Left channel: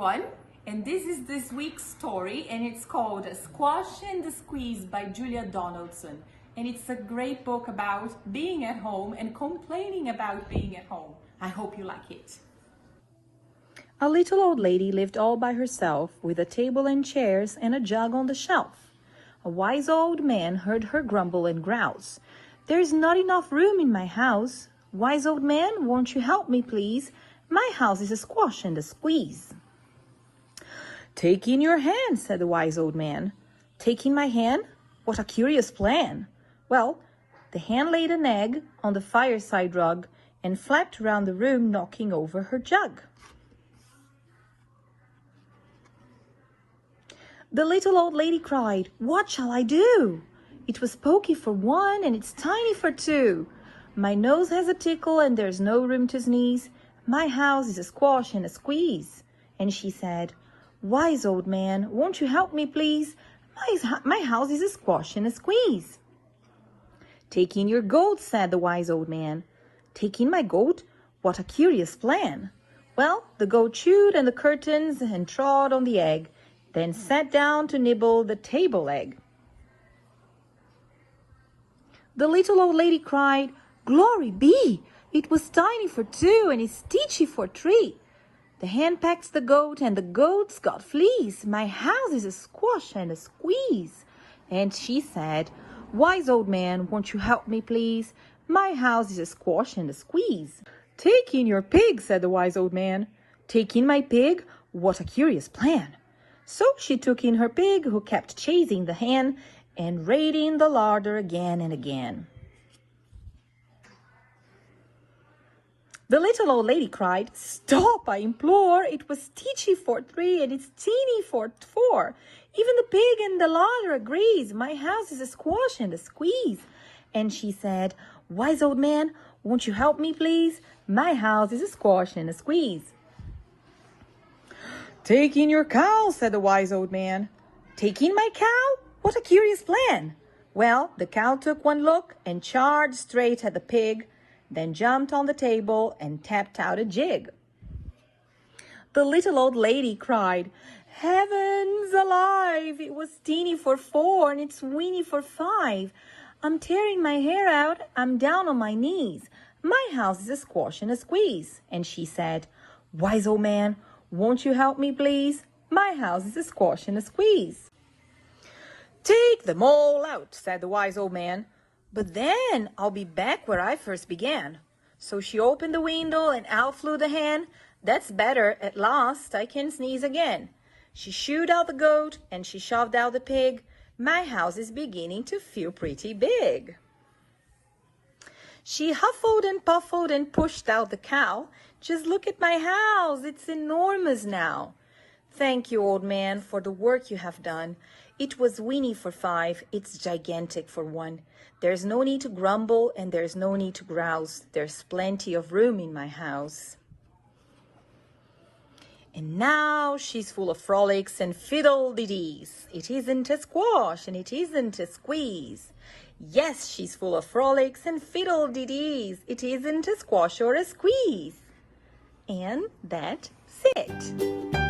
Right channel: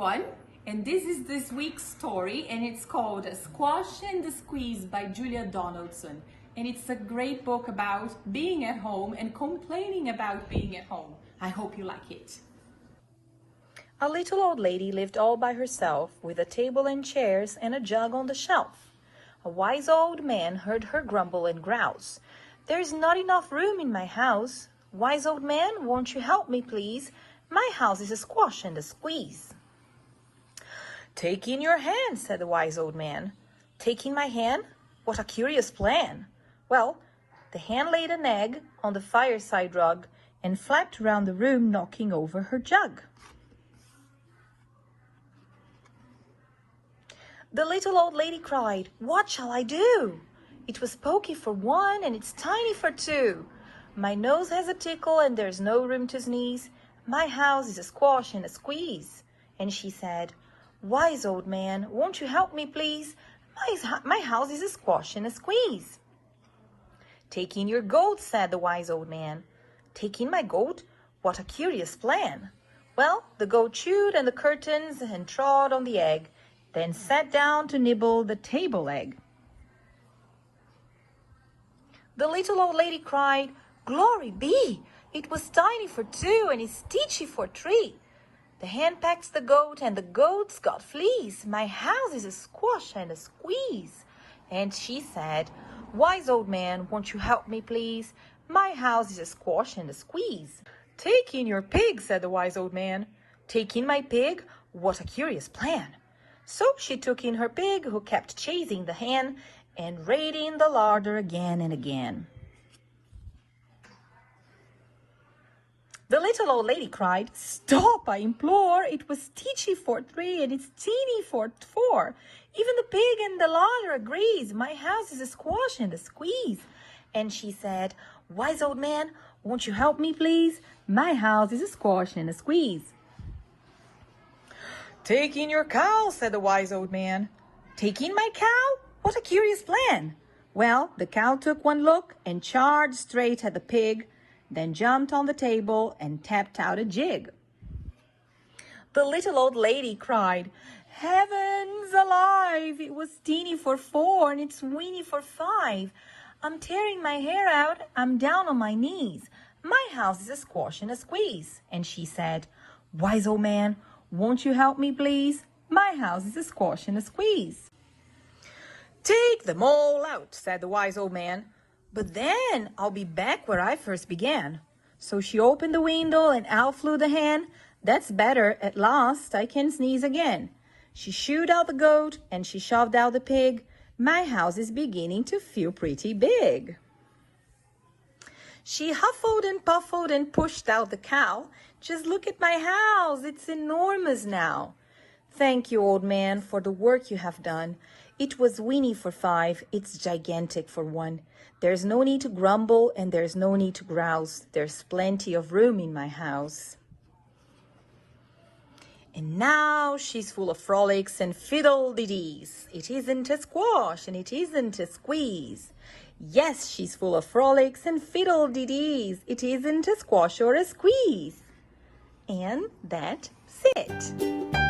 everyone, and this is this week's story, and it's called Squash and the Squeeze by Julia Donaldson. And it's a great book about being at home and complaining about being at home. I hope you like it. A little old lady lived all by herself, with a table and chairs and a jug on the shelf. A wise old man heard her grumble and grouse. "There's not enough room in my house. Wise old man, won't you help me, please? My house is a squash and a squeeze." "Take in your hand," said the wise old man. "Take in my hand? What a curious plan." Well, the hen laid an egg on the fireside rug and flapped around the room, knocking over her jug. The little old lady cried, "What shall I do? It was pokey for one and it's tiny for two. My nose has a tickle and there's no room to sneeze. My house is a squash and a squeeze." And she said, "Wise old man, won't you help me, please? My house is a squash and a squeeze." "Take in your goat," said the wise old man. "Take in my goat? What a curious plan." Well, the goat chewed on the curtains and trod on the egg, then sat down to nibble the table leg. The little old lady cried, "Glory be! It was tiny for two and it's teachy for three. The hen pecks the goat and the goat's got fleas. My house is a squash and a squeeze." And she said, "Wise old man, won't you help me, please? My house is a squash and a squeeze." "Take in your pig," said the wise old man. "Take in my pig? What a curious plan." So she took in her pig, who kept chasing the hen and raiding the larder again and again. The little old lady cried, "Stop, I implore! It was teachy for three and it's teeny for four. Even the pig and the larder agrees. My house is a squash and a squeeze." And she said, "Wise old man, won't you help me, please? My house is a squash and a squeeze." "Take in your cow," said the wise old man. "Take in my cow? What a curious plan." Well, the cow took one look and charged straight at the pig, then jumped on the table and tapped out a jig. The little old lady cried, "Heavens alive! It was teeny for four and it's weeny for five. I'm tearing my hair out. I'm down on my knees. My house is a squash and a squeeze." And she said, "Wise old man, won't you help me, please? My house is a squash and a squeeze." "Take them all out," said the wise old man. "But then I'll be back where I first began." So she opened the window and out flew the hen. "That's better, at last I can sneeze again." She shooed out the goat and she shoved out the pig. My house is beginning to feel pretty big. She huffled and puffled and pushed out the cow. "Just look at my house, it's enormous now." "Thank you, old man, for the work you have done. It was weeny for five, it's gigantic for one. There's no need to grumble and there's no need to grouse. There's plenty of room in my house." And now she's full of frolics and fiddle-de-dees. It isn't a squash and it isn't a squeeze. Yes, she's full of frolics and fiddle-de-dees. It isn't a squash or a squeeze. And that's it.